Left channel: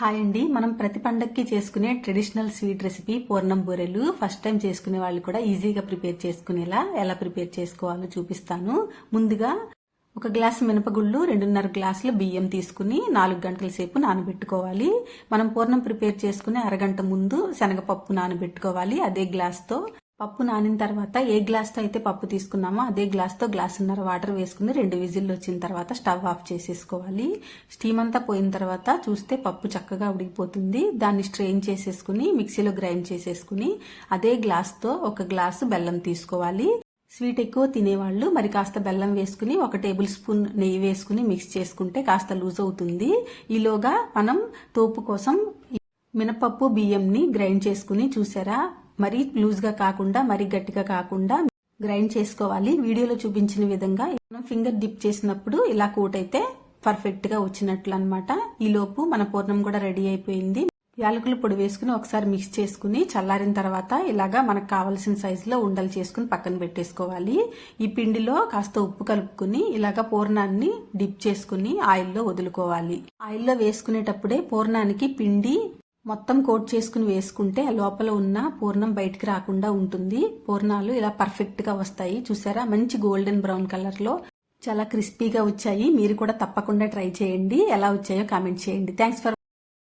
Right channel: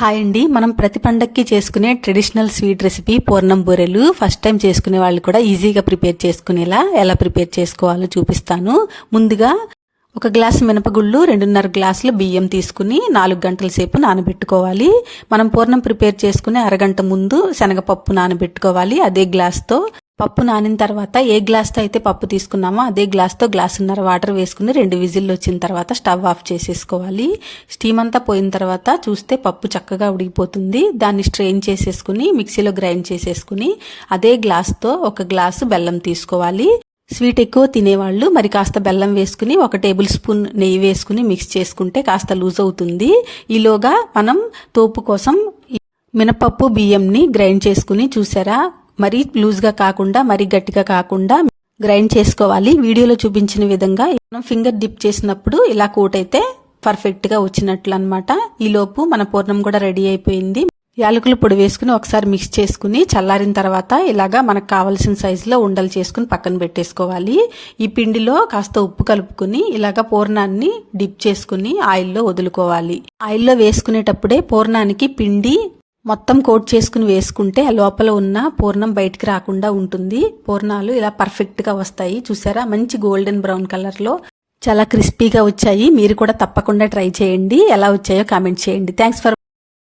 Hi అండి. మనం ప్రతి పండక్కి చేసుకునే ట్రెడిషనల్ స్వీట్ రెసిపీ పూర్ణం బూరెలు ఫస్ట్ టైం చేసుకునే వాళ్ళు కూడా ఈజీగా ప్రిపేర్ చేసుకునేలా ఎలా ప్రిపేర్ చేసుకోవాలో చూపిస్తాను. ముందుగా ఒక గ్లాసు మినపగుళ్ళు, 2.5 గ్లాసుల బియ్యం తీసుకుని 4 గంటల సేపు నానబెట్టుకోవాలి. మనం పూర్ణం ప్రిపేర్ చేసుకునే అరగంట ముందు శనగపప్పు నానబెట్టుకోవాలి. అదే గ్లాస్తో పప్పు నానిన తర్వాత ఏ గ్లాస్తో అయితే పప్పు తీసుకున్నామో అదే గ్లాస్తో గ్లాసున్నర వాటర్ వేసుకుని 2 విజిల్లు వచ్చిన తర్వాత స్టవ్ ఆఫ్ చేసేసుకోవాలి. స్టీమ్ అంతా పోయిన తర్వాత చూస్తే పప్పు చక్కగా ఉడికిపోతుంది. దాన్ని స్ట్రెయిన్ చేసేసుకుని మిక్సీలో గ్రైండ్ చేసేసుకుని అదే గ్లాస్తో 1 గ్లాసు బెల్లం తీసుకోవాలి. స్వీట్ ఎక్కువ తినేవాళ్ళు మరి కాస్త బెల్లం వేసుకుని 1 టేబుల్ స్పూన్ నెయ్యి వేసుకుని మిక్స్ చేసుకుంటే కాస్త లూజ్ అవుతుంది. ఈలోగా మనం తోపు కోసం మినపప్పు బియ్యంని గ్రైండ్ చేసుకుని చూసారా, మరీ లూజ్గా కాకుండా మరీ గట్టిగా కాకుండా గ్రైండ్ చేసుకోవాలి. వీడియోలో చూపించిన విధంగా మనం ఫింగర్ డిప్ చేసినప్పుడు ఇలా కోట్ అయితే పర్ఫెక్ట్గా వచ్చినట్లు అనమాట. ఈలోపు మన పూర్ణం కూడా రెడీ అయిపోయింది. యాలకుల పొడి వేసుకుని ఒకసారి మిక్స్ చేసుకుని చల్లారిన తర్వాత ఇలాగా మనకు కావాల్సిన సైజులో ఉండలు చేసుకుని పక్కన పెట్టేసుకోవాలి. ఈ పిండిలో కాస్త ఉప్పు కలుపుకుని ఇలాగా పూర్ణాన్ని డిప్ చేసుకుని ఆయిల్లో వదులుకోవాలి. ఆయిల్లో వేసుకునేటప్పుడే పూర్ణానికి పిండి మొత్తం కోట్ చేసుకుని వేసుకుంటే లోపల ఉన్న పూర్ణం బయటికి రాకుండా ఉంటుంది. పూర్ణాలు ఇలా పర్ఫెక్ట్గా వస్తాయి. చూసారా, మంచి గోల్డెన్ బ్రౌన్ కలర్లో చాలా క్రిస్పీగా వచ్చాయి. మీరు కూడా తప్పకుండా ట్రై చేయండి. ఎలా వచ్చాయో కామెంట్ చేయండి. Thanks for